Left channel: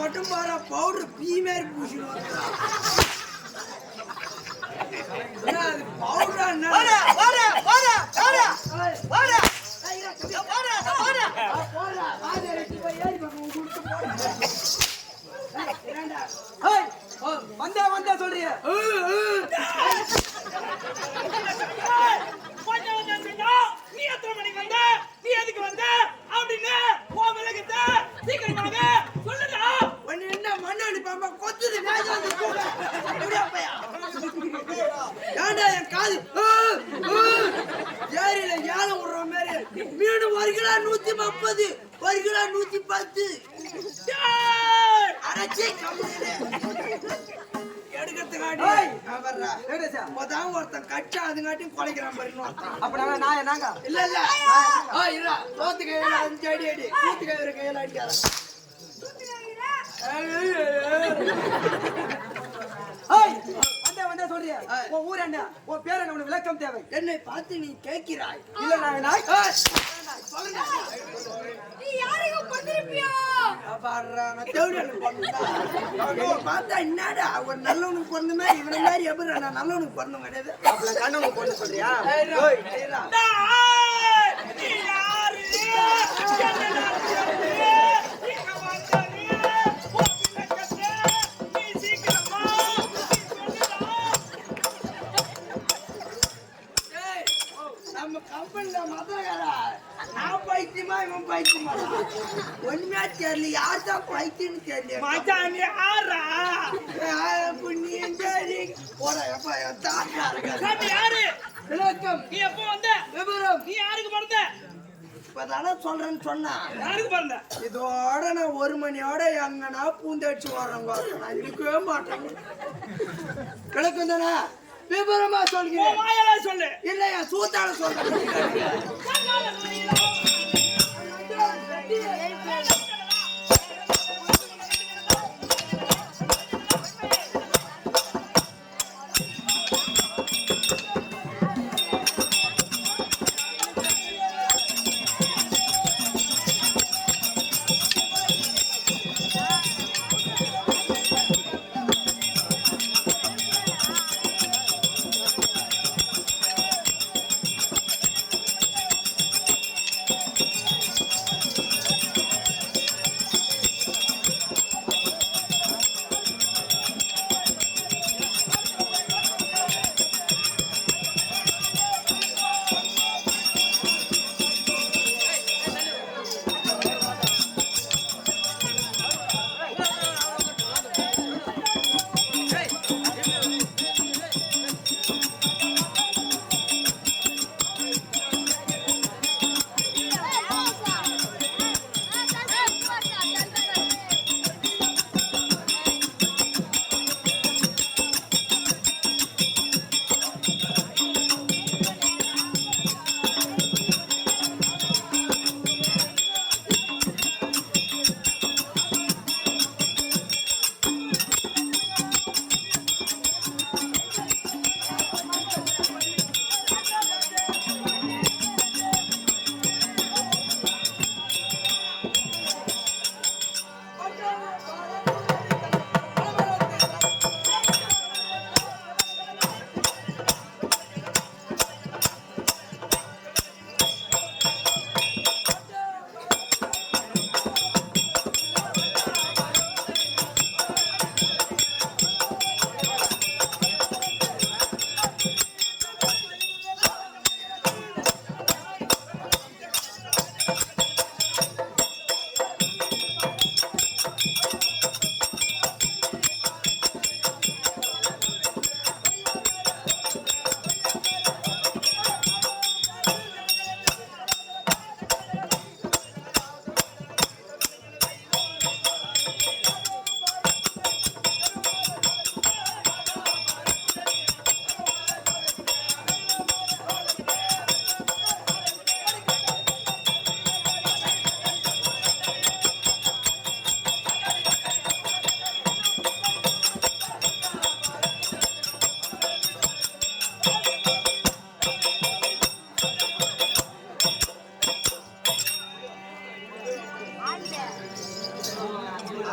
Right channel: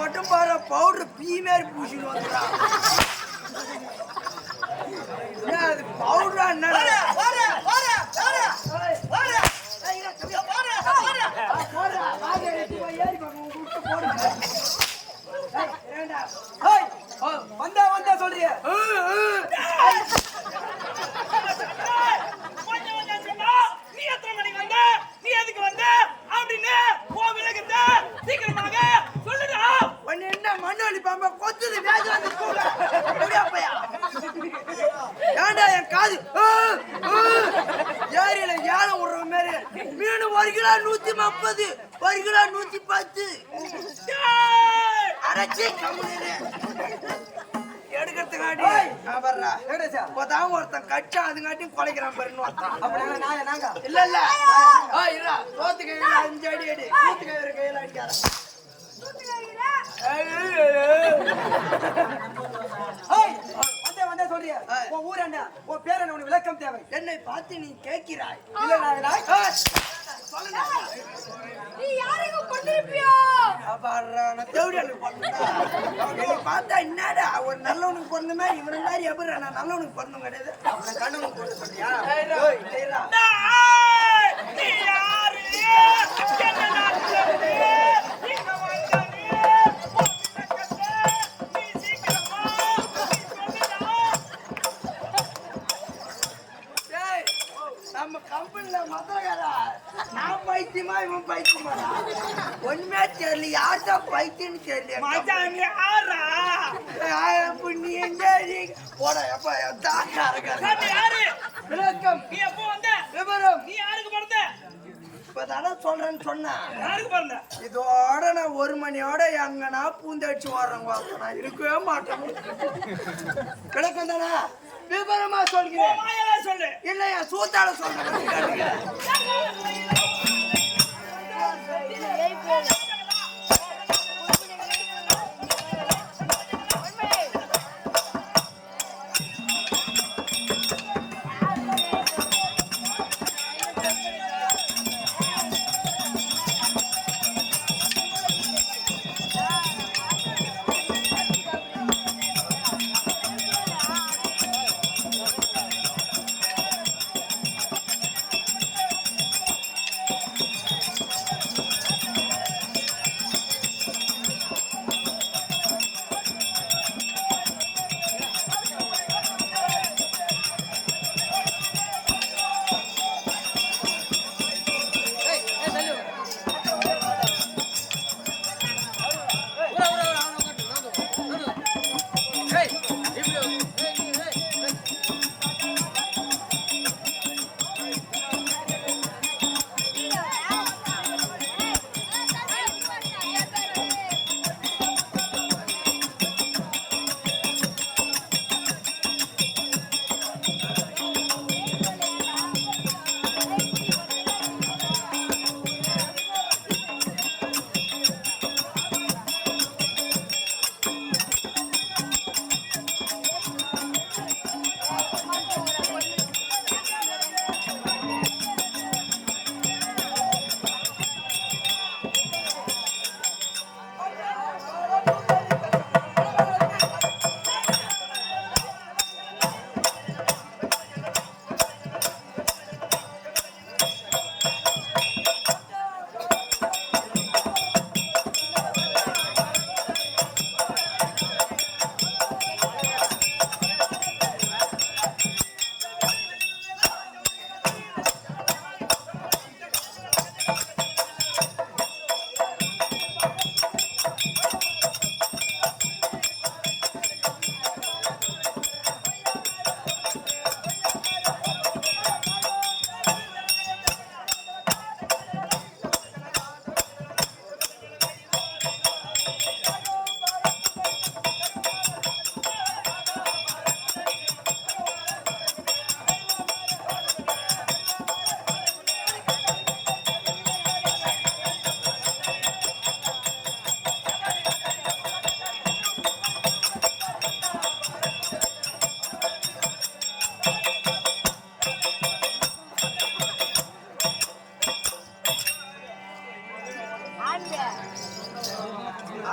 மட்டும் பாரு பவுடர் பீ மாதிரி பூசிட்டு வந்துறான். அது பவுடரா என்ன? வந்தா வந்தா சொல்றிய நீ எத்தனை மணிக்கு வந்த, நீ எதுக்கு வந்த அப்படின்னு விலகுத சீக்கிரமாக சொல்லுடா. ஒன்னு என்ன மண்ணு அடிப்பாம கொத்துது ஏண்டா என் காது ஏரியில ஏழை விடுற மாதிரி மீன் 1 கிலோ 130, 1 கிலோ 110 அரைச்சி எடுக்கிறதுக்காண்டி இப்பதான் ஒருத்தன் கச்சா அதுங்காட்டியும் குலைக்கிறான் பாருன்னு ஒருத்தன். அப்ப நாங்க இல்ல இல்ல இல்ல தோத்து கையில 5 அடி அடி கூத்து கையில கையில அடிக்காரன். வந்தா சொல்றிய உன் ஊர் என்ன, உன் பேர் என்ன, உனக்கு விளக்கம் தேவை. என்னை பார்த்து நீ கேட்கிறாய். இல்ல நான் சொல்லுங்க நீ யாரையும் பண்ணிருப்பியா? பார்த்தா என்னடா ஒரு நல்லவனுக்கு பொண்ணுமே இவனை மாதிரி எப்படி நான் நல்லவனுக்கு பொண்ணும் கிடையாது. அப்ப கண்ணவனுக்கு பொண்ணு சொல்றியா? நம்ம கம்பெனில மதுரகாரா நான் பைத்தியமா இவன் பைத்தியமா ஒண்ணுமே தெரியல. யார்தான் பைத்தியன்னு தெரியல. நீ எந்த போட எப்ப யாரு விளக்கம் நீ எப்போ வந்த விவரம் நீ யாருக்கு பிறந்த? இப்பதானே சொல்றேன்னு சொன்னா யாருக்கு பிறந்த? இதோட நான் 1 மணியோட எங்கன்னா பூந்தடிச்சு ஓடுறேன். நான் இருக்கவே மாட்டேன். கிடக்கும் தானே விவரமா சொல்கிறேன். சொல்லு. இல்லையா சூத்தாட சொல்றேன்.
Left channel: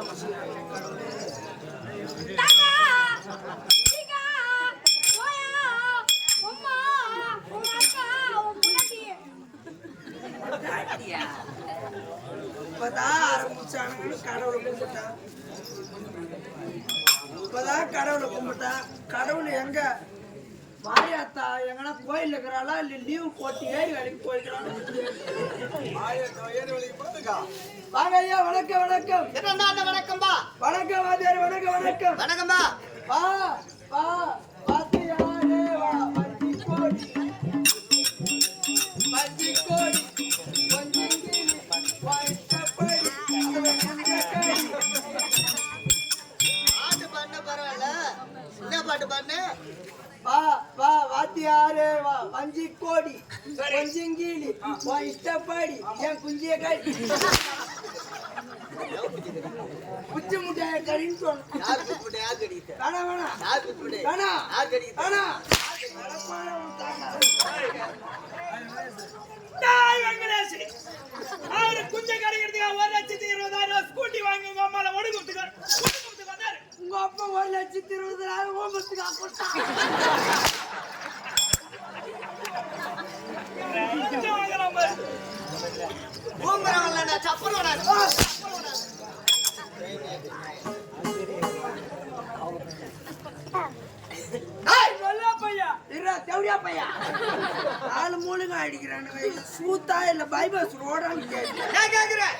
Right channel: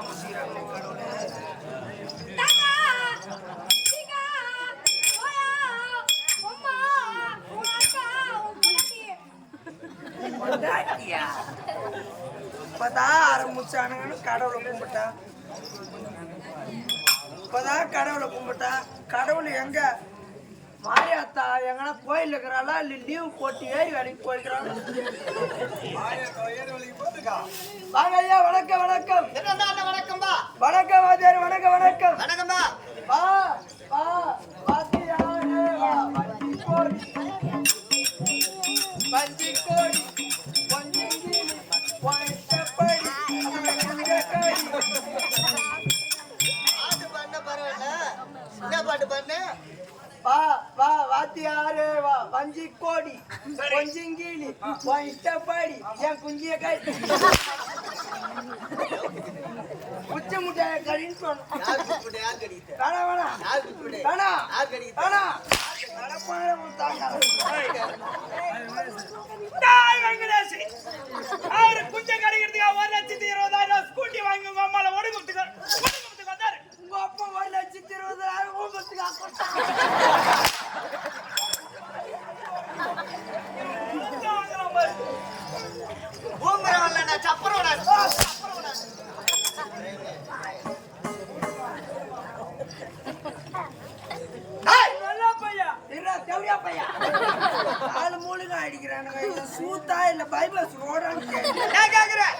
ஆரம்பிச்சுக்கிறாங்க கடவுளே. தாத்தா சீகா போயா அம்மா உன் அக்கா உன் பொண்டாட்டி பொண்டாட்டியா? இப்பதான் ஆரம்பிச்சானுங்கன்னு கடவுளை கும்பிட்டா. இப்பதான் கடவுளை கும்பிட்டா. கடவுள் எங்க? மாரியாத்தா எங்கன்னா கோயில் இருக்கிறாளா இல்ல லீவ் போட்டு ஏறி வேலைக்கு போய்க்கிறாளா? வாங்க ஐயா, வணக்கம் வணக்கம். வணக்கம்பா. வணக்கம் வாத்தியார், வணக்கம் வணக்கம். வணக்கம்பா. வா வா வாத்தியாரே வா. வஞ்சி கோடி வஞ்சி கோடி கொஞ்சங்கிளி வாய்த்தபடி அதுவே குஞ்சக்கடி. பாட்டு பண்ண பரவாயில்ல, என்ன பாட்டு பண்ண? வா வா வாத்தியாரே வா. வஞ்சி கோடி கொஞ்சங்கிளி வாய்த்தபடி என் குஞ்சிய கடி. உச்சி முட்டைய கடின்னு சொன்ன. யார் கூப்பிட்டு யார் கடிக்கிட்ட? வேணா வேணா யார் கூப்பிட்டு வேணா யார் கடிக்கிட்ட? வேணா நடப்பாங்க உன் தாத்தா. தாய் வெங்கடேஷ் அவரு குஞ்ச கடிக்கிறதுக்கு 1,20,000 ஸ்கூட்டி வாங்கி உங்க அம்மால ஒடுங்குறதுக்கு வந்தாரு. உங்க அப்பா 1,20,000 ஓம்பத்துக்கு கொடுத்தா. ஊம்பரவல்ல நான் சப்பரவனா. நல்லா பையா இருடா, தேவடியா பையா. நாலு மூணுங்க அடிக்கிறானுங்க. இது சூத்தா இல்ல பைபாஸ் ரோடான்னு கேட்கல. நான் கேக்குறேன்.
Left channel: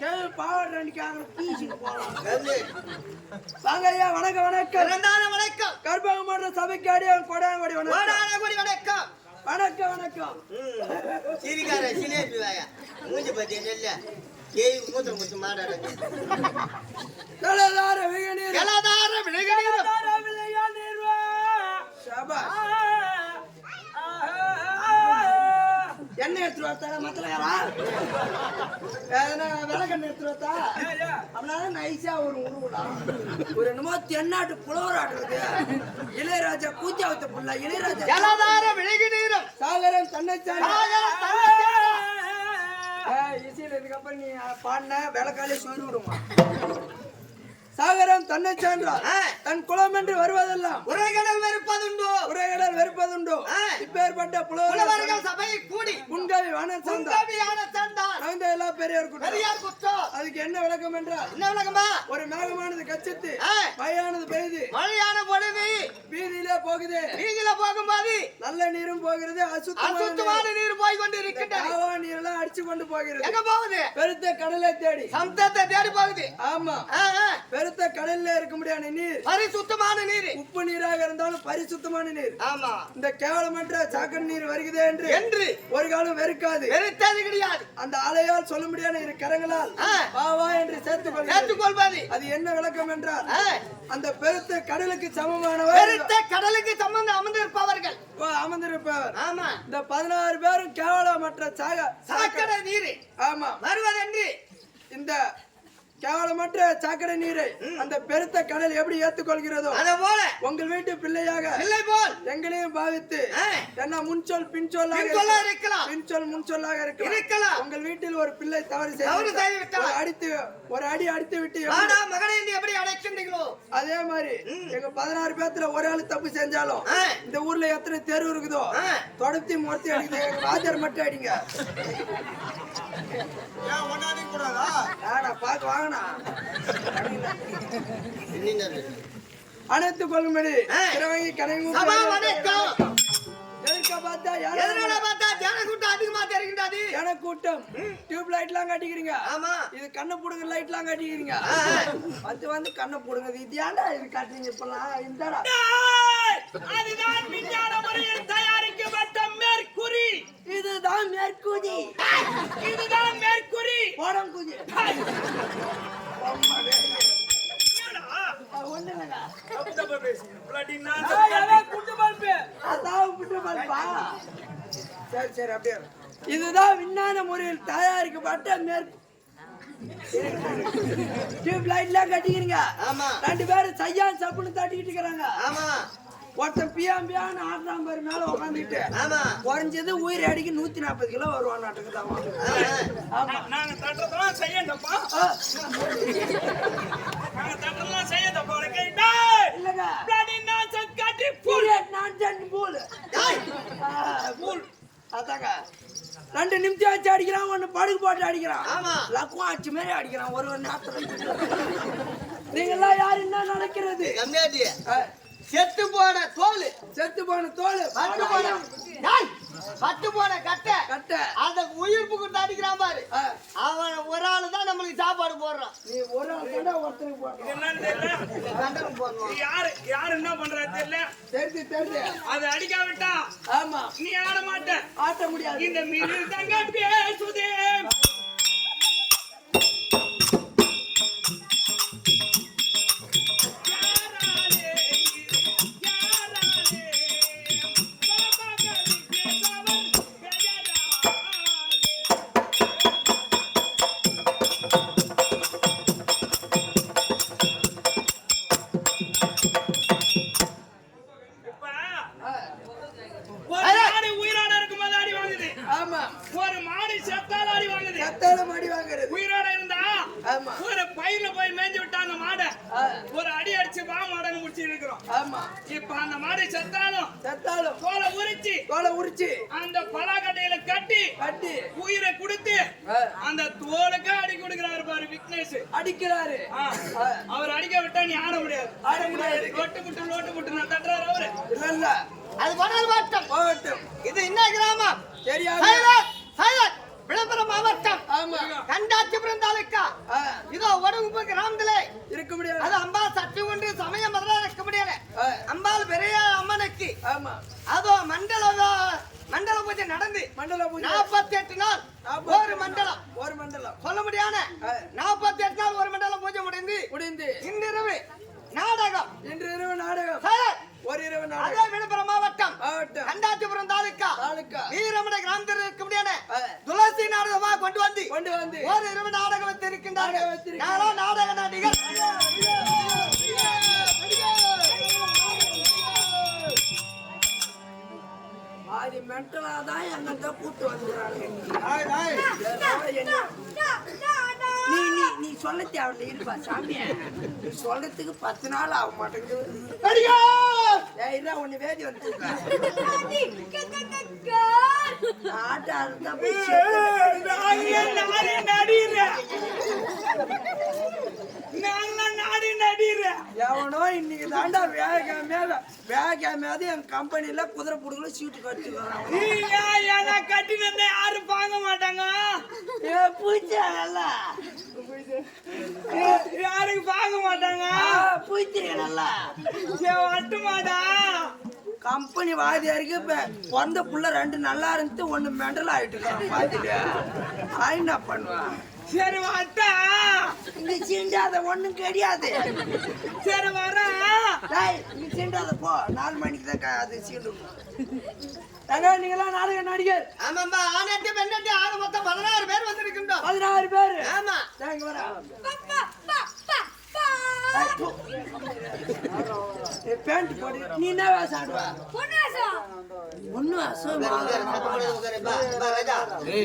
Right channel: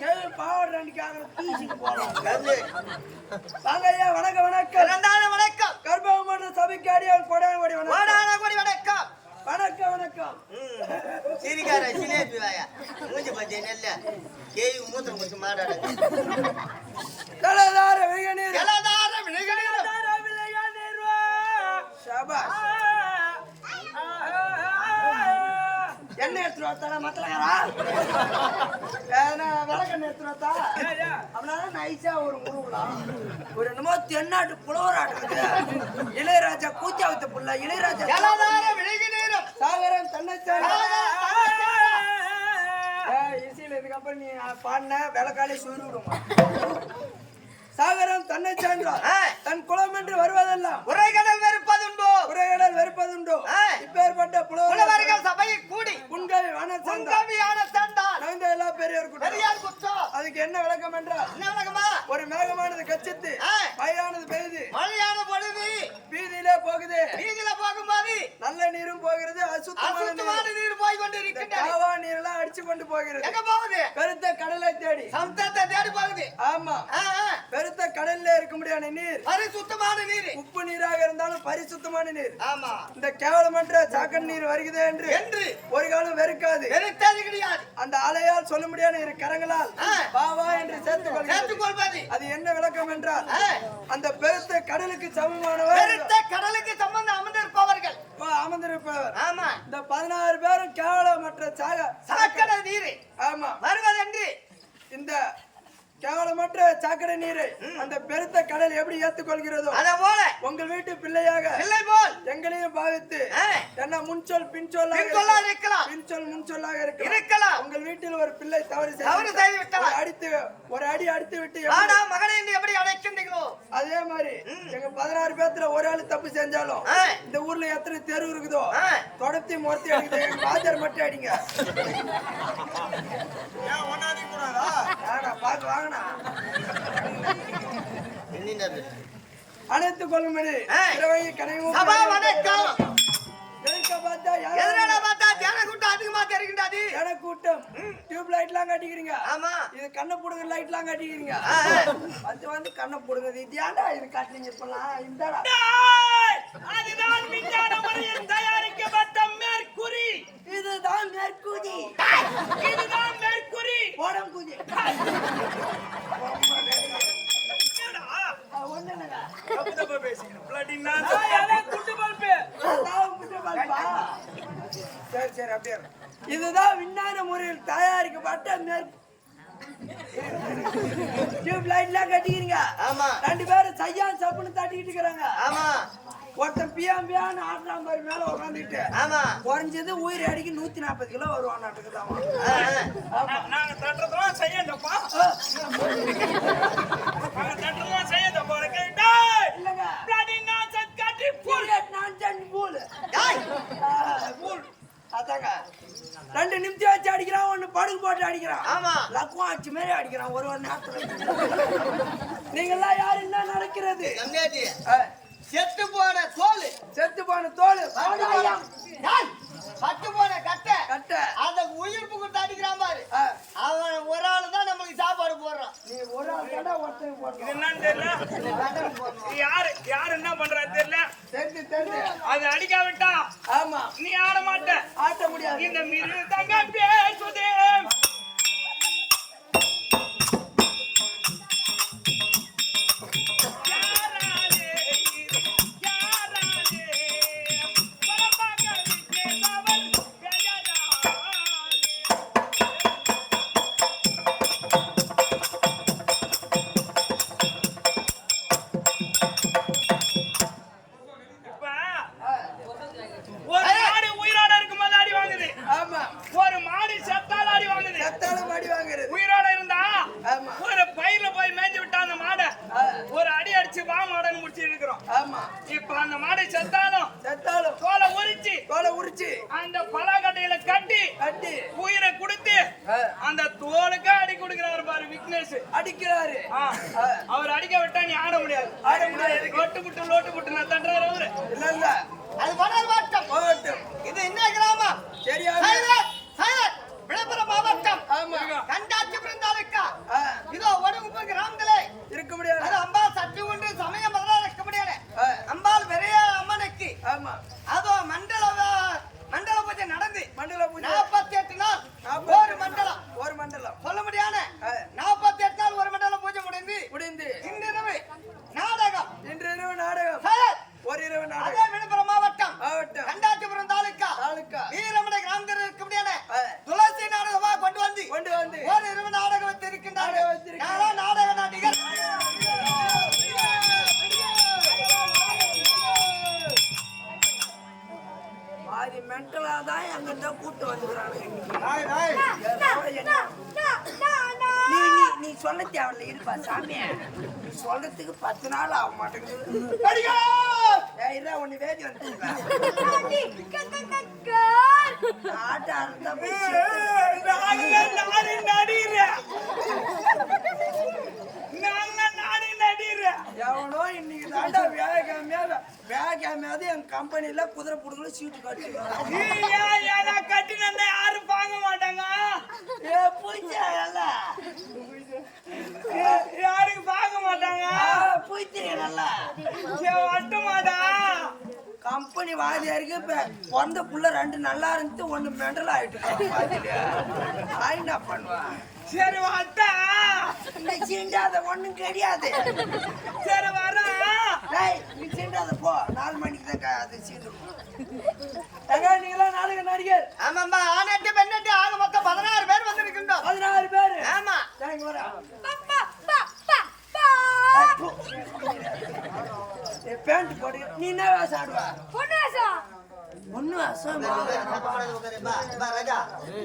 கேள்வி பாடுறான்னு கேக்குற தீசிக்கு போலாம். வாங்க ஐயா, வணக்கம் வணக்கம். இரண்டாவது வணக்கம். கர்ப்பகமன்ற சபைக்கு அடியான் கொடாங்கோடி வணக்கம். வாடான கூடி வணக்கம். வணக்கம் வணக்கம். சிரிக்கார சிலேபி வாயா மூஞ்சி பத்தி நெல்ல கேவி மூத்திரம் குத்து மாடாடுங்க. கலதார விகநீர் கலதார விளையாடு ஷாபாஷ். எண்ணெய் எடுத்துட்டு வரத்தாடா மத்தலகாரா? விளக்கெண்ணெய் எடுத்துட்டு வரத்தா? அப்படின்னா நைஸா ஒரு உருவலாம். ஒரு என்னமோ தென்னாட்டு புலவராட்டுக்குது. இளையராஜா கூச்சாவத்த புள்ள இளையராஜா. கலதார விளையாடு சாகரன் தன்னை இசையில இதுக்கப்புறம் நீ பாடின விளக்காலே சொல்லி விடுமா? சாகரம் தன்னை சான்றார் தன் குலம் என்று வருவதெல்லாம் உரைகடல் வெறுப்பதுண்டோ உரைகடல் வெறுப்பதுண்டோ. இப்பேற்பட்ட புலவர்கள் சபையை கூடி புன்கவி சேர்ந்தார். நகர்ந்த எல்லா பெரியார் பெரியார் குற்றம். அதுக்கு என்ன விளக்கம் என்றால், என்ன விளக்கமா? ஒரு மேகமானது கச்சித்து மழையானது பெய்து மழையான பொழுது வீதியிலே போகுது. வீதியில போகும்போது நல்ல நீரும் போகிறது, அசுத்தமான நீர் போய் கொண்டு இருக்கின்றது. காவா நீர் எல்லாம் அடிச்சு கொண்டு போகிறது. எங்க போகுது? பெருத்த கடலை தேடி சமுத்திரத்தை தேடி போகுது. ஆமா, பெருத்த கடல்ல இருக்க முடியாத நீர் பரிசுத்தமான நீர், உப்பு நீராக இருந்தாலும் பரிசுத்தமான நீர். ஆமா, இந்த கேவலமற்ற சாக்கடை நீர் வருகிறது என்று ஒரு காலம் வெறுக்காது, வெறுத்தது கிடையாது. அந்த அலையால் சொல்ல முடியாத இரு கரங்களால் பாவா என்று சேர்த்துக் கொள்வது. அது என்ன விளக்கம் என்றால், அந்த பெருத்த கடலுக்கு சமமானவர், பெருத்த கடலுக்கு சம்பந்தம் அமர்ந்திருப்பவர்கள் அமர்ந்திருப்பவர். ஆமா, இந்த 16 பேரும் கேவலமற்ற சாக்கடை நீர் ஆமா வருவதென்று இந்த கேவலமற்ற சாக்கடை நீரை அந்த பெருத்த கடல் எப்படி ஏற்றுக்கொள்கிறதோ அத போல உங்கள் வீட்டு பிள்ளையாக பிள்ளை போல் எங்களையும் பாவித்து என்ன முன்சொல் பின்சொல்லாக இருக்கலாம், பின்சொல் முன்சொல்லாக இருக்கலாம். உங்கள் வீட்டில் ஒரு பிள்ளை தவறு செய்து விட்டால் ஒரு அடி அடித்து விட்டு மகனை எப்படி அடைக்கின்றீங்களோ அதே மாதிரி எங்க 16 பேத்துல ஒரு ஆளு தப்பு செஞ்சாலும் இந்த ஊர்ல எத்தனை தெரு இருக்குதோ தொடர்த்தி மூர்த்தி அடிக்குது, எங்க வாத்தியார் மட்டும் அடிங்க. பாக்க வாங்கினா அனைத்து கொள்ளும்படி திரவங்கி கனவு கூட்டம் டியூப் லைட் எல்லாம் கட்டிக்கிறீங்க. ஆமா, இது கண்ணை புடுங்க லைட் எல்லாம் கட்டிக்கிறீங்க. வந்து கண்ணை புடுங்க. இது ஏன்டா இது காட்டுறீங்க இப்பெல்லாம்? இந்தாடா அதுதான் விஞ்ஞான முறையில் தயாரிக்கப்பட்ட மேற்குறி. இதுதான் மேற்குதி. இதுதான் மேற்குறி. போடம் குதி ஒண்ணு இல்லைங்க. சரி சரி அப்படியே. இதுதான் விஞ்ஞான முறையில் தயாரிக்கப்பட்ட மேற்கு டியூப் லைட் எல்லாம் கட்டிக்கிறீங்க. ஆமா, 2 பேரும் சையான் சப்புன்னு தட்டிக்கிட்டு இருக்கிறாங்க. ஆமா, ஒருத்தன் பியாம்பியான்னு ஆட்டாம் பாரு மேல உட்காந்துட்டு ஆமா குறைஞ்சது உயிர் அடிக்கு 140 கிலோ வருவான் நாட்டுக்குதாமா. ஆமா நாங்க தட்டுறதெல்லாம் செய்யண்டப்பா. நாங்க தட்டுறதெல்லாம் செய்யண்டப்பா. இல்லங்க பிளாடி நான்சென்ஸ் காட்டி பீரியட் நான்சென்ஸ் பூல் டேய் பூல் அதாங்க 2 நிமிஷம் வச்சு அடிக்கிறான், 1 படுகு போட்டு அடிக்கிறான். ஆமா லக்குவம் அடிச்ச மாதிரி அடிக்கிறான் ஒரு நேரத்துல. நீங்கெல்லாம் யாரு என்ன நடக்கிறது? கம்மியாட்டி செத்து போன தோல் செத்து போன தோல் பட்டு போன டேய் பட்டு போன கட்டை கட்ட அத உயிர் புகுந்து அடிக்கிறான் பாரு. அவன் ஒரு ஆளு தான் நம்மளுக்கு சாப்பாடு போடுறான். நீ ஒரு ஆள் கடை ஒருத்தனுக்கு இது போட்டோம். என்னன்னு தெரியல. கண்டனுக்கு போடணும். இது யாரு என்ன பண்றாரு தெரியல. தெரிஞ்சு அது அடிக்காவிட்டா ஆமா நீ ஆட மாட்ட. ஆட்ட முடியாது. இந்த மிருதங்க பேசுதே. ஒரு மாடு உயிரோட இருக்கும்போது அடி வாங்குது. ஆமா ஒரு மாடு செத்தால அடி வாங்குது. செத்தாலும் அடி வாங்குறது. உயிரோட இருந்தா ஆமா ஒரு பயிர்ல போய் மேய்ஞ்சு விட்டா அந்த மாடை ஒரு அடி அடிச்சு வா மாடன்னு முடிச்சு இருக்கிறோம். ஆமா இப்ப அந்த மாடு செத்தாலும் தோலை உரிச்சு தோலை உரிச்சு அந்த பலாக்கட்டையில கட்டி கட்டி உயிரை கொடுத்து அந்த தோலுக்கு அடி கொடுக்கிறாரு பாரு விக்னேஷ். அடிக்கிறாரு. அவர் அடிக்க விட்டா நீ ஆட முடியாது. ஆட முடியாது. லோட்டு புட்டு நான் தட்டுறாரு அவரு. இல்ல அது பண்ணால் மாட்டோம். போட்டும். இது என்ன கிராமம்? சரியாக சைலட் விழுப்புரம் மாவட்டம். ஆமா கண்டாச்சிபுரம் தாலுக்கா. இதோ ஒடுகுப்பு கிராமத்திலே இருக்க முடியாது. அது அம்பா சட்டு ஒன்று சமய மதுரா இருக்க முடியாது. அம்பாள் பெரிய அம்மனுக்கு ஆமா அதோ மண்டல பூஜை நடந்து மண்டல பூஜை 48 நாள் ஒரு மண்டலம் சொல்ல முடியாத 48 நாள் ஒரு மண்டலம் பூஜை முடிந்து இன்றிரவு நாடகம். இன்று இரவு நாடகம். ஒரு இரவு நாடகம். அதே விழுப்புரம் மாவட்டம் கண்டாச்சிபுரம் தாலுக்கா வீரமடை கிராமத்தில் இருக்க முடியாத துளசி நாடகமா கொண்டு வந்து ஒரு இரவு நாடகம் வைத்திருக்கின்றார்கள். நாடக நடிகர் பாதி மென்டலா தான் எங்கிட்ட கூட்டு வந்துக்கிறானுங்க இன்னைக்கு. நீ சொல்ல தேவையில்ல இருப்பா சாமி. நீ சொல்றதுக்கு 10 நாள் ஆக மாட்டேங்குது. ஒண்ணு வேதி வந்து ஆட்ட ஆடுறதா எவனோ இன்னைக்கு தாண்டா வேகாமையாவது என் கம்பெனில குதிரை புடுங்கல சீட்டு கட்டிக்கிறான். கட்டினா யாரும் வாங்க மாட்டாங்க. யாருக்கு பார்க்க மாட்டாங்க. பூச்சிரியா நல்லா வட்டு மாட்டா. கம்பெனி வாதியாருக்கு பிறந்த புள்ள 2 நல்லா இருந்துச்சு 1 மெண்டல் ஆயிட்டு பாத்துட்டியா? என்ன பண்ணுவான்? சரி வட்டா நீ சீண்டாத ஒண்ணும் கிடையாது. சரி வரா நீ சீண்டாத போ. 4 மணிக்கு தான் அது சீண்டும். நீங்களாம் நாடக நடிகர். ஆமாம்பா ஆனட்டு பெண்ணட்டு ஆக மொத்தம் 16 பேர் வந்திருக்கின்றோம். 16 பேர். ஆமா வரா பேண்ட் போட்டு நீ என்ன வேஷம் ஆடுவா? பொண்ணு வேஷம். ஒண்ணு வேஷம் ராஜா